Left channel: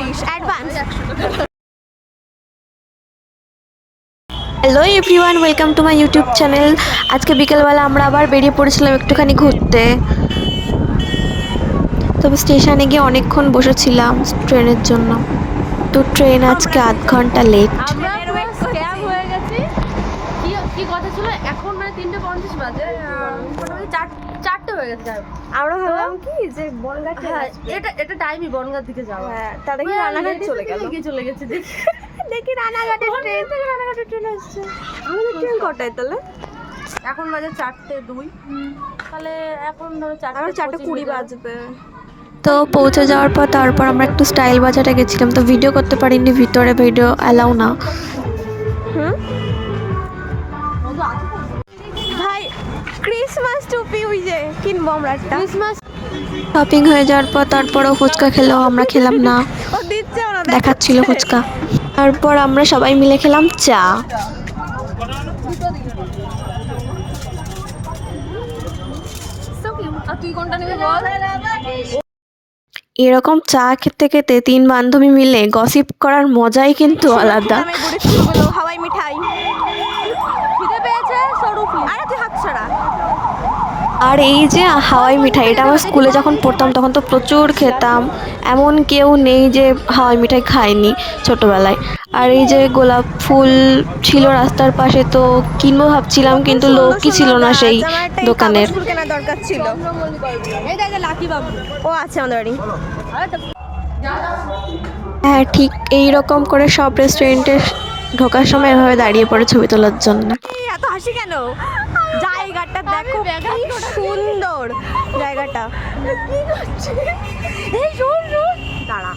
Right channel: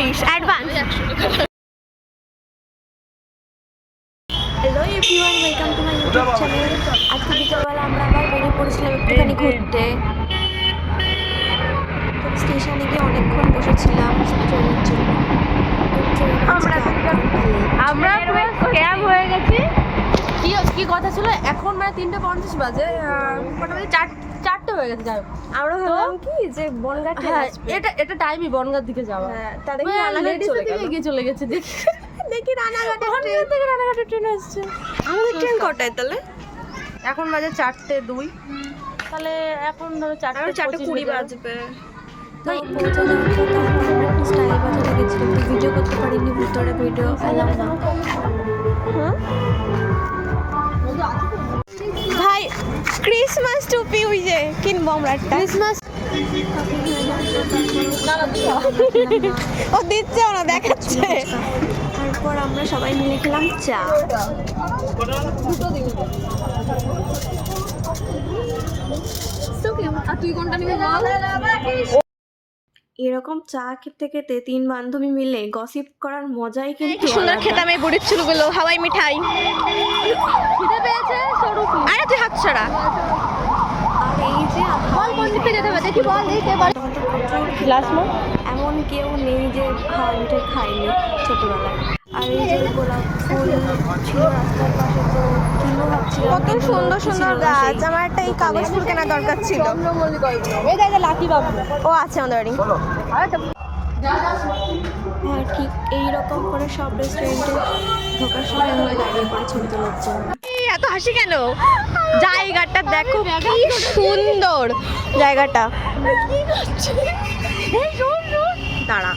Rupees advance. Hello everyone, welcome to my YouTube channel. আজকে বিকেলবেলা আমরা আবার বেরিয়ে পড়েছিলাম একটুখানি ঘুরতে। তবে স্টেশনে গিয়ে অনেকক্ষণ বসেছিলাম ট্রেনের জন্য, তো ট্রেন আজকে আধ ঘন্টা লেট। আমরা পুরো স্ক্যাম হয়ে গেছি। কি কথা ছিল, এখন মানে 3:50 বাজে, মোটামুটি 4টে হয়ে গেছে। যাই হোক, আমরা ভাবলাম কি যে বনগাঁ ট্রেন আসবে, এটা টাইমই বনগাঁর দিকে যাওয়া। হ্যাঁ, তাদের কি রানাঘাট চলে গেল। দেখি রানাঘাটের ট্রেন আসছে। আমাদের ট্রেন কটায় তাহলে? এখন বাজে 4:02, তাহলে এখন ধরো 4:20 বাজবে। তো পৌঁছে যাওয়ার পর তারপর আমরা একটু স্টাইল বাজারে গেছিলাম, তো ভিডিও করতে পারিনি, ভিতরে ভিডিও অ্যালাউ না। ভাই ক্রিসমাস টুপি ওই যে কিনবো আমরা একটা। ক্রিসমাস শপিং হয়ে যাওয়ার পর তারপরও ফুচকা খেলো, আমরা খেলাম না, দেখাচ্ছিল ফুচকা। তারপর আমরা সবাই মিলে খেলাম চা। এরকম চা খেতে খেতে 3 বান্ধবী মিলে গসিপ করার মজাই কিন্তু আলাদা। হাওয়াই মিঠাই, আরে তুই হাত ছাড়া। আর এই যে হাওয়াই মিঠাই, এটা আমার স্কুলে যখন পড়তাম তখন তো প্রচুর খেতাম, এমন কেউ নেই যে হাওয়াই মিঠাই খায়নি ছোটবেলায়। আর এই যে গোলাপ ফুল ছিল রাস্তার পাশে, তো কিনবো ভাবছিলাম কিন্তু লোকই ছিল না সেই দোকানের। ও আছে আমাদের বাড়ি। হ্যাঁ, ঠিক এইরকম করে সব রেস্টুরেন্টে ঢোকার সময় এভাবে দাঁড়িয়ে পড়ে ছবি তোলার জন্য। এত হাসি কেন? জায়গাটা দেখো কি সুন্দর জায়গাটা। দাঁড়া,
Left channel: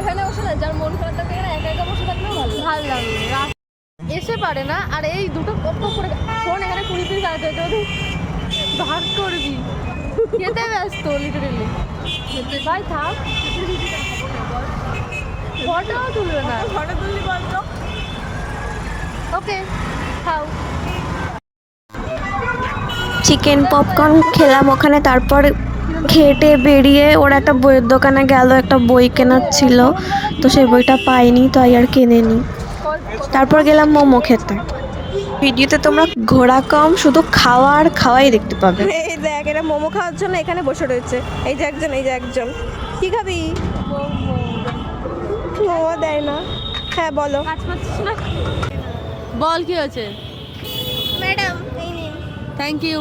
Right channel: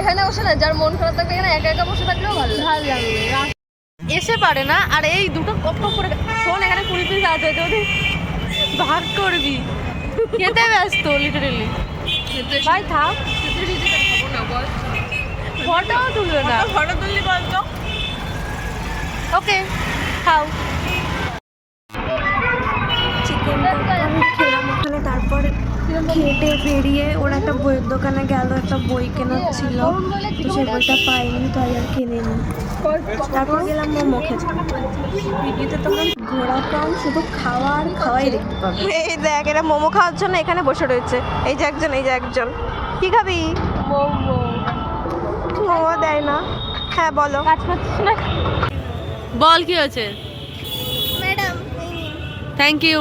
এখানে বসে না, যার মন খারাপ থাকবে এখানে একা একা বসে থাকলেও ভালো লাগবে। এসে পারে না, আর এই দুটো কপ করে শোন, এখানে 20 পিস আছে, যদি ভাগ করবি খেতে ব্যস্ত লিটারেলি। ভাই থাক, ফটো তুলবে না, ফটো তুললি বলতো। ওকে খাও। চিকেন পপকর্ন খেলাম ওখানে, তারপর খেটে বেরিয়ে ওরা একটা বইয়ের দোকানে গেল, একটা বই কেনার ছিল, তো সেই বইটা পাইনি, তো আর কিনেনি। তারপর গেলাম মোমো খেতে। ভিডিওতে তোমরা ঘোরা কম, শুধু খাওয়া আর খাওয়াই দেখতে পাবে। এই দেখ, এরা মোমো খাওয়ার জন্য এখানে বসে রয়েছে। এই যে একজন, কি খাবি? মোমো দেয় না। হ্যাঁ বলো। কাজ করছিস না? বল কি হয়েছে? Madam thank you.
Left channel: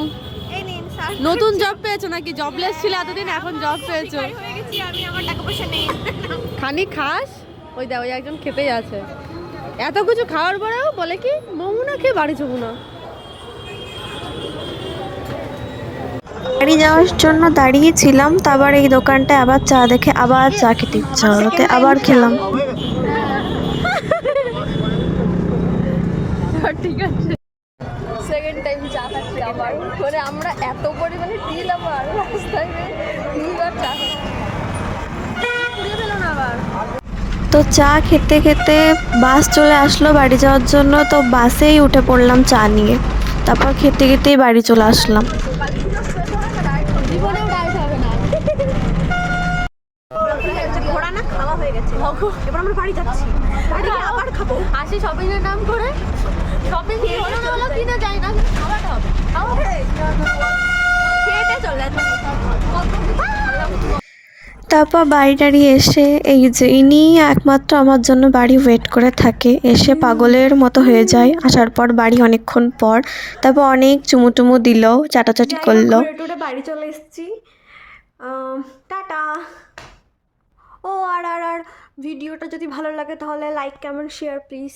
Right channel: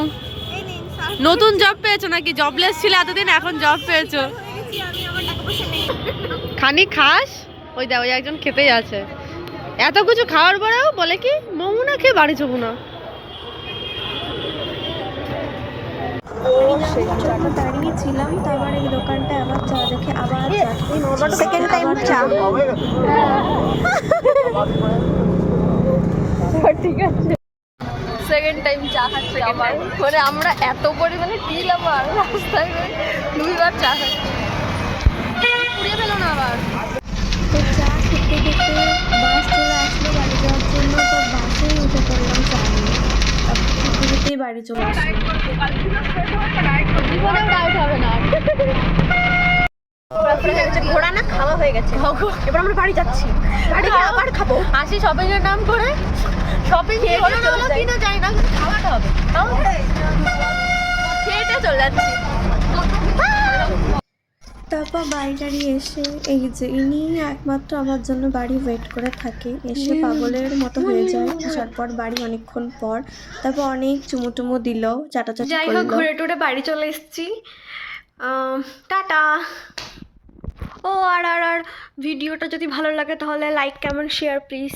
নতুন জব পেয়েছো নাকি? জবলেস ছিল এতদিন, এখন জব পেয়েছো। খানি খাস? ওই দেখ, ওই একজন খেতেই আছে। এত কিছু খাওয়ার পরেও বলে কি মোমো না খেয়ে বাড়ি যাবো না। বাড়ি যাওয়ার জন্য দাঁড়িয়েছিলাম, তারপর এই দোকানটায় আবার চা দেখে আবার চা খেতে ইচ্ছা হলো, আবার খেলাম। ঠিক আছে, সেকেন্ড টাইম চা খাচ্ছি আবার। মানে আমরা এত পরিমাণে টিল আবার রাস্তায় 2বার চা খাচ্ছি, পুড়িয়ে ফেলো না আবার। তো চা খেতে খেতে বাস চলে আসলো বাড়ি যাওয়ার জন্য, তো বাসেই উঠে পড়লাম চা নিয়ে, তারপর খেতে খেতেই বাড়ি চলে আসলাম। ঘোড়া না খাওয়া হয়ে গেছে, এবার আমরা বাড়ি যাচ্ছি, বাড়ি গিয়ে আবার খাবো। আসি শপিং এর নাম করে, শপিং হলো না হলো কিনা যায় না, কিন্তু খাওয়াটা হবে। খেতে চলে যাচ্ছি। তারপর বাড়ি টাড়ি এসে এই যে ইনি একমাত্র আমার জন্য বাড়ি ওয়েট করে থাকে, এসে পাগলের মতো হয়ে যায় আসার পর বাড়ি অনেকক্ষণ পর। তারপর অনেক চুমু দিল, চাটাচাটি করলো। ঘুরে টুরে বাড়ি চলে এসেছি, টাটা। ও আর ভিডিওটা যদি ভালো লাগে তাহলে লাইক কমেন্ট শেয়ার প্লিজ।